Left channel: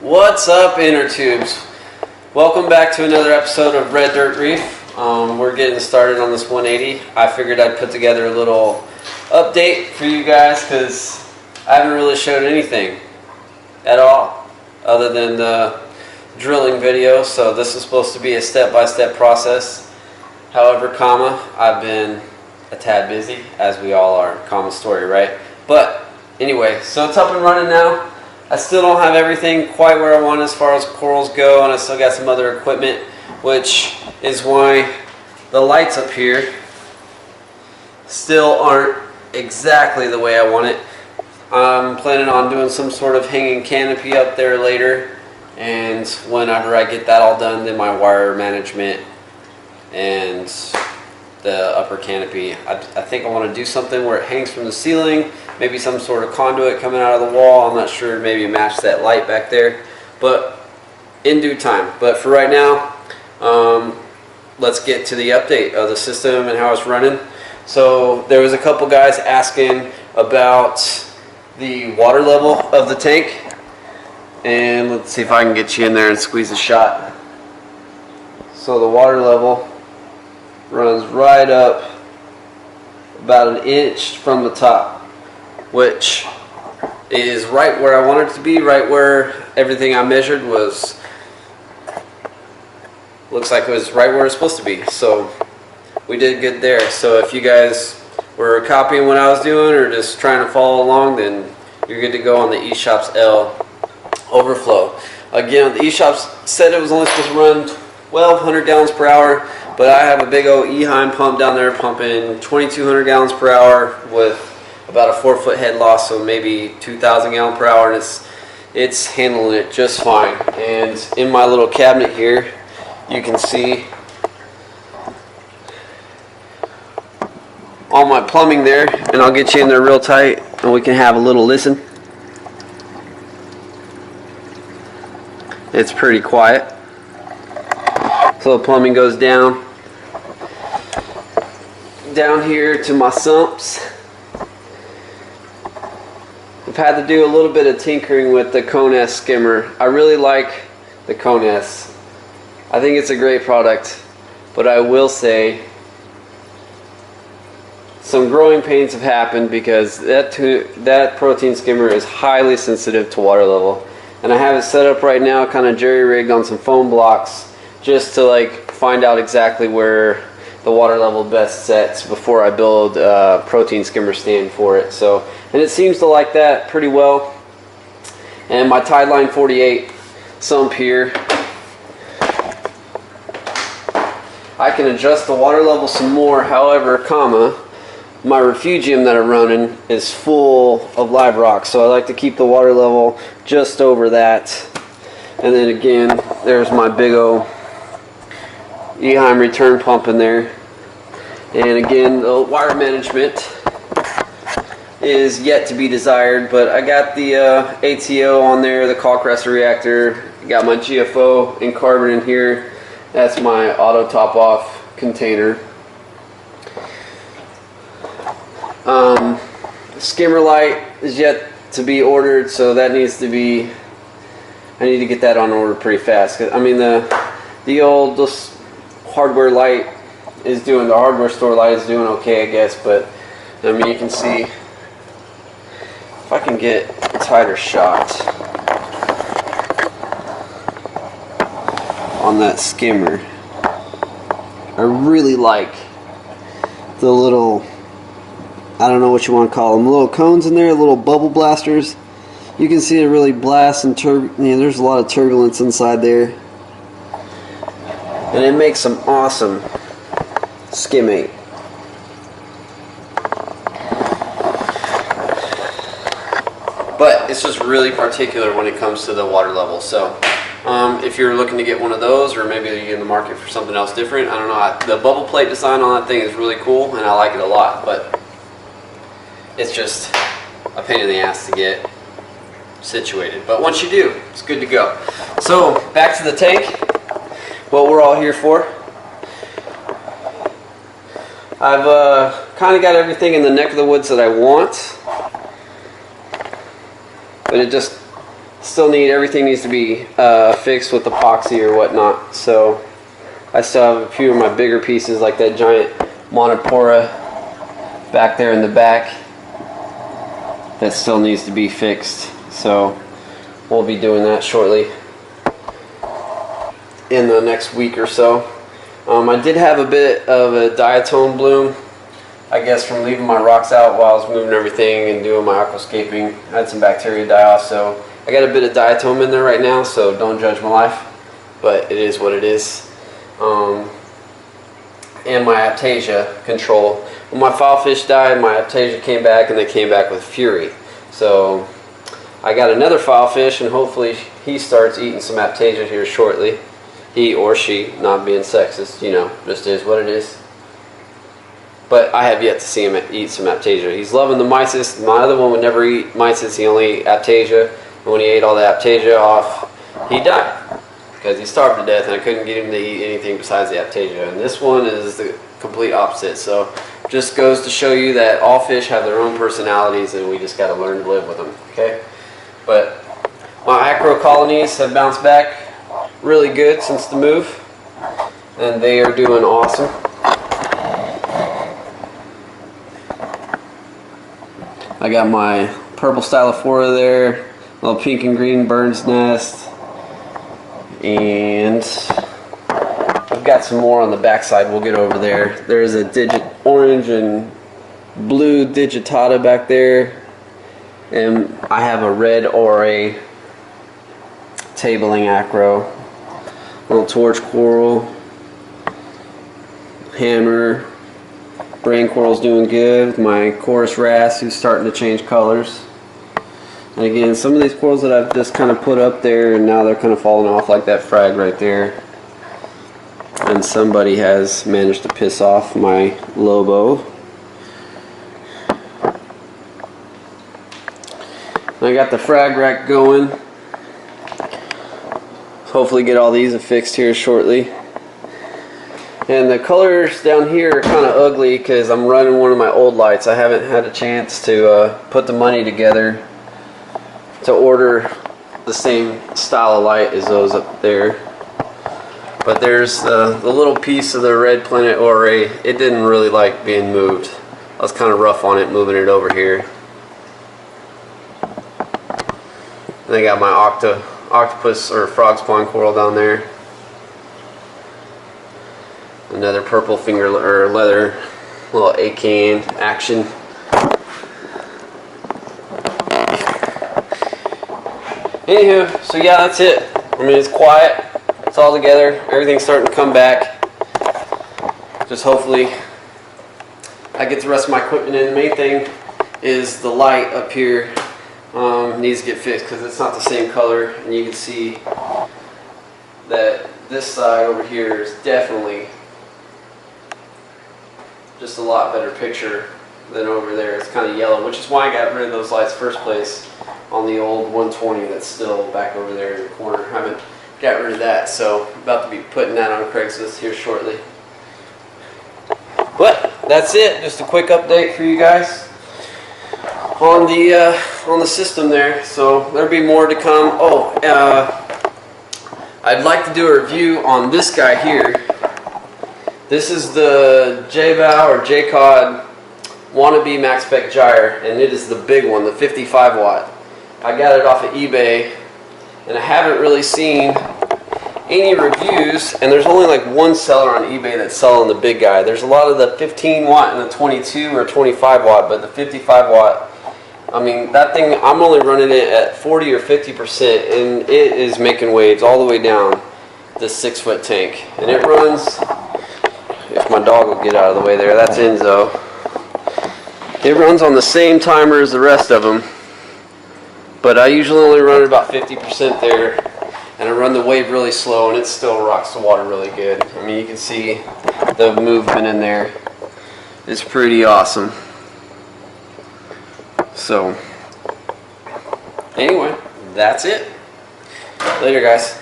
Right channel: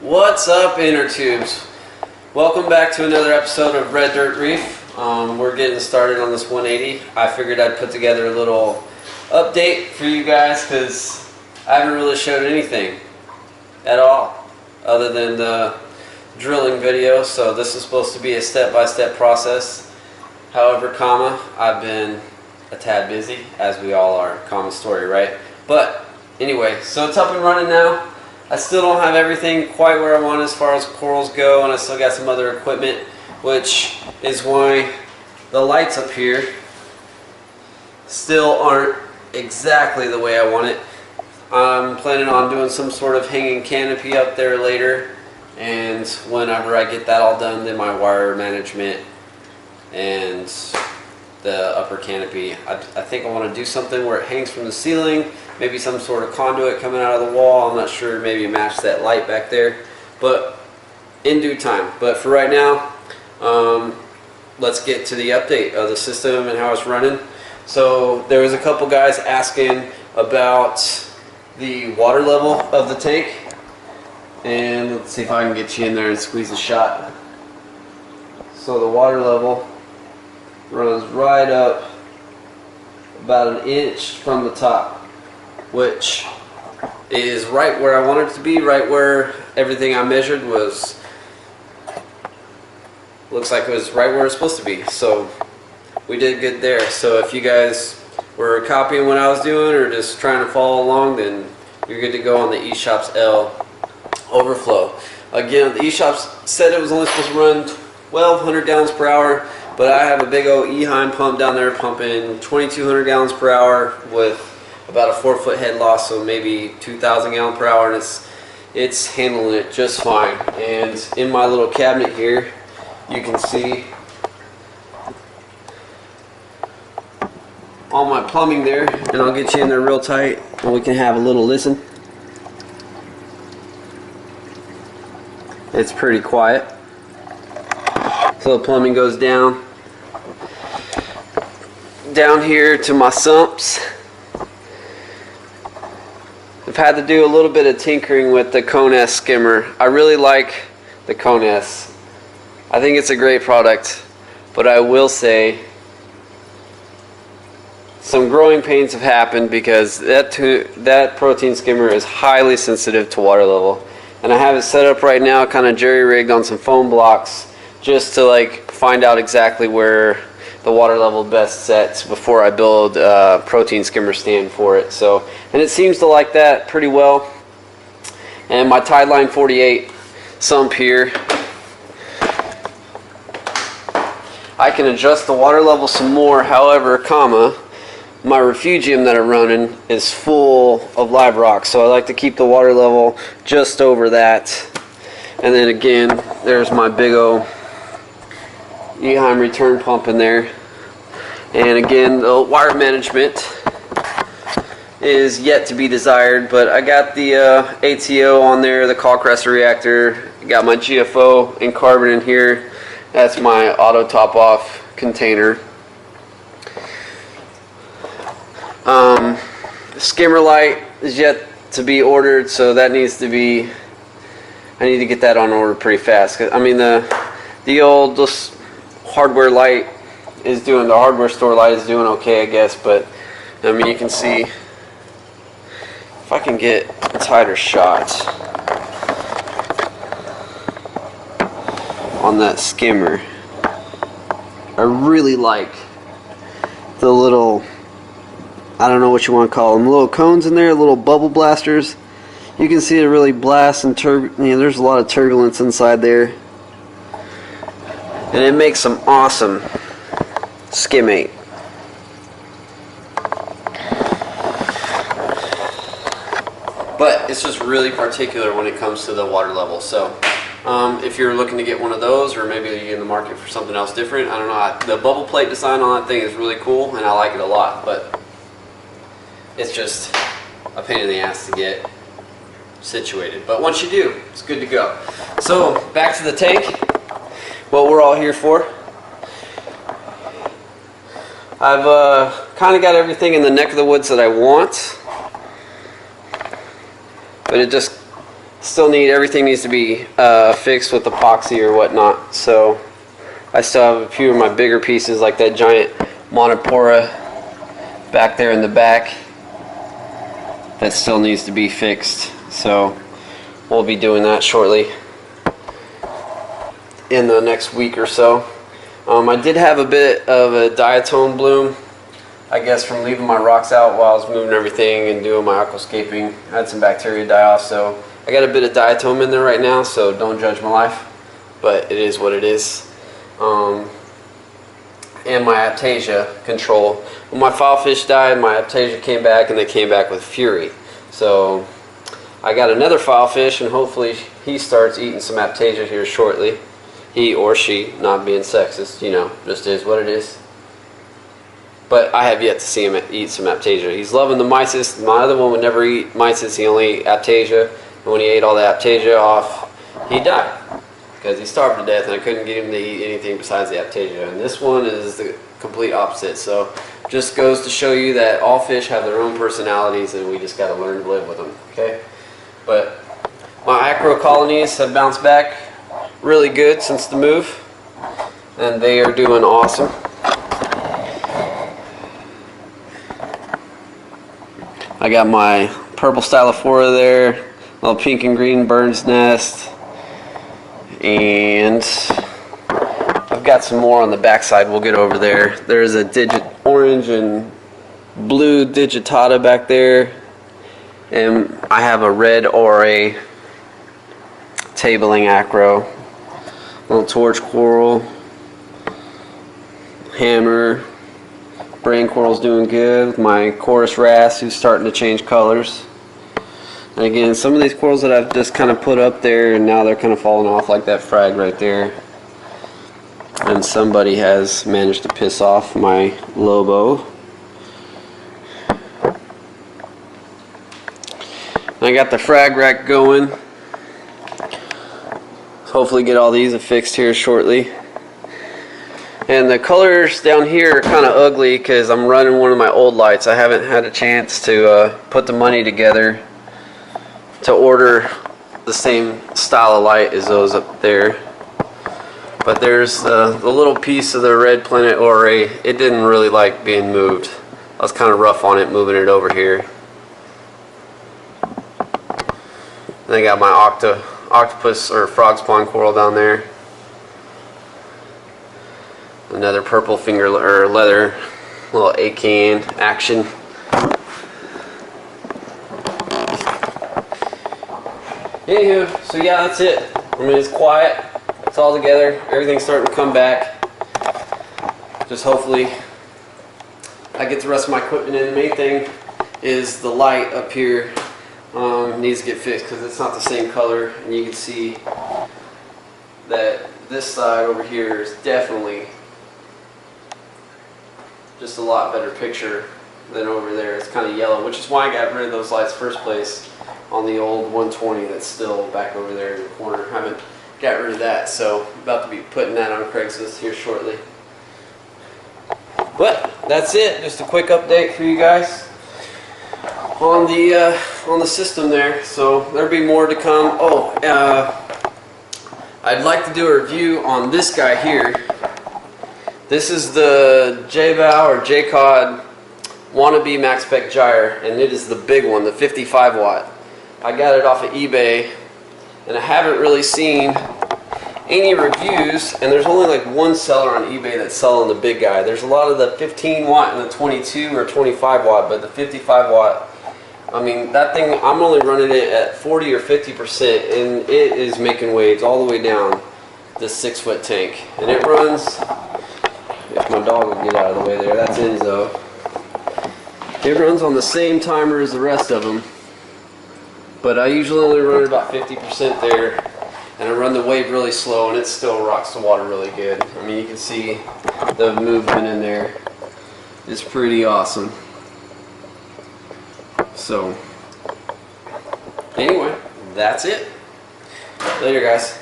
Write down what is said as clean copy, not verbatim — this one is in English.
What's up, inner tubes? Welcome back to another episode of Red Dirt Reef. We're getting started on this 180. I figured I'd put together a little update for you guys because I haven't really showed anything at all other than the drilling video. So this is supposed to be a step-by-step process. However, I've been a tad busy, as we all are. Common story, right? But anyway, so it's up and running now. I still don't have everything quite where I want as far as corals go, and I still got some other equipment, which is why the lights up here still aren't exactly the way I want it. I'm planning on doing some sort of hanging canopy up there later, and whenever I get that all done, then my wire management and the upper canopy. I think I want to do something where it hangs from the ceiling, maybe some sort of conduit coming out of the wall. I'm not sure, maybe match that light back there, but in due time. But for right now, let's get to the update of the system and how it's running. So there was a couple guys asking about the water level of the tank, and let's see if I can get you in there and squeeze a shot. So the water level runs right up about an inch from the top, which is right where I want it to be, right where everything I measured was, looks like it was right where it's supposed to be. So we did good there. So if you guys were copying what I was doing or just trying to follow along, then you're good to go on the Eshopps L overflow. Again, the Eshopps said it was only supposed to run 1,200 gallons per hour, but I have a big old Eheim pump down there pumping 2,200 gallons per hour with about a 4-foot head loss, so maybe 2,000 gallons per hour, and it's handling it just fine. And in my little cabinet here, you can see all my plumbing there, and I'll get you in there real tight and we can have a little listen. It's pretty quiet. So the plumbing goes down here to my sumps. I've had to do a little bit of tinkering with the Cone skimmer. I really like the Cone. I think it's a great product, but I will say some growing pains have happened because that protein skimmer is highly sensitive to water level, and I have it set up right now kind of jerry-rigged on some foam blocks just to like find out exactly where the water level best sets before I build a protein skimmer stand for it. So, and it seems to like that pretty well. And my Tideline 48 sump here, I can adjust the water level some more. However, my refugium that I'm running is full of live rock, so I like to keep the water level just over that. And then again, there's my big old Eheim return pump in there, and again the wire management is yet to be desired, but I got the ATO on there, the Kalk reactor, got my GFO and Carbon in here. That's my auto top off container. Skimmer light is yet to be ordered, so that needs to be, I need to get that on order pretty fast. I mean the old just hardware light is doing, the hardware store light is doing okay, I guess, but I mean, you can see if I can get a tighter shot on that skimmer. I really like the little, I don't know what you want to call them, little cones in there, little bubble blasters. You can see it really blasts and there's a lot of turbulence inside there. And it makes some awesome skimmate. But it's just really particular when it comes to the water level. So if you're looking to get one of those, or maybe you're in the market for something else different, I don't know. The bubble plate design on that thing is really cool, and I like it a lot. But it's just a pain in the ass to get situated. But once you do, it's good to go. So back to the tank. What we're all here for. I've kind of got everything in the neck of the woods that I want, but it just everything needs to be fixed with epoxy or whatnot. So I still have a few of my bigger pieces, like that giant monopora back there in the back, that still needs to be fixed. So we'll be doing that shortly in the next week or so. I did have a bit of a diatone bloom, I guess from leaving my rocks out while I was moving everything and doing my aquascaping. I had some bacteria die off, so I got a bit of diatom in there right now, so don't judge my life, but it is what it is. And my aptasia control. When my filefish died, my aptasia came back, and they came back with fury. So I got another filefish, and hopefully he starts eating some aptasia here shortly. He or she, not being sexist, you know, just is what it is. But I have yet to see him eat some aptasia. He's loving the mysis. My other one would never eat mysis. He only ate aptasia. And when he ate all the aptasia off, he died because he starved to death, and I couldn't get him to eat anything besides the aptasia. And this one is the complete opposite. So just goes to show you that all fish have their own personalities, and we just got to learn to live with them. Okay. But my acro colonies have bounced back really good since the move, and they are doing awesome. I got my purple stylophora there, little pink and green bird's nest, and I've got some more on the backside. We'll get over there. There's a orange and blue digitata back there, and I have a red ora tabling acro, little torch coral, hammer. Brain coral's doing good. My chorus wrasse, who's starting to change colors. And again, some of these corals that I've just kind of put up there, and now they're kind of falling off, like that frag right there. And somebody has managed to piss off my Lobo. And I got the frag rack going. Hopefully get all these fixed here shortly. And the colors down here are kind of ugly because I'm running one of my old lights. I haven't had a chance to put the money together to order the same style of light as those up there. But there's the little piece of the red planet ora. It didn't really like being moved. I was kind of rough on it moving it over here. And I got my octopus or frog spawn coral down there. Another purple finger or leather little acan action. Anywho, so yeah, that's it. I mean, it's quiet. It's all together. Everything's starting to come back. Just hopefully I get the rest of my equipment in. The main thing is the light up here needs to get fixed because it's not the same color, and you can see that this side over here is definitely just a lot better picture than over there. It's kind of yellow, which is why I got rid of those lights first place on the old 120 that's still back over there in the corner. I haven't got rid of that, so I'm about to be putting that on Craigslist here shortly. But that's it. Just a quick update for you guys on the system there. So there'll be more to come. Oh, I'd like to do a review on this guy here. This is the J-Bow or J-Cod Wannabe Max Spec Gyre, and it is the big one, the 55 watt. I got it off of eBay, and I haven't really seen any reviews, and there's only like one seller on eBay that's selling the big guy. There's a lot of the 15 watt and the 22 or 25 watt, but the 55 watt, I mean, that thing, I'm only running it at 40 or 50%, and it is making waves all the way down this 6-foot tank. And it runs, if my dog will get out of the way there, that's Enzo. It runs on the same timer as the rest of them, but I usually only run about 50% there, and I run the wave really slow, and it still rocks the water really good. I mean, you can see the movement in there. It's pretty awesome. So, anyway, that's it. Later, guys.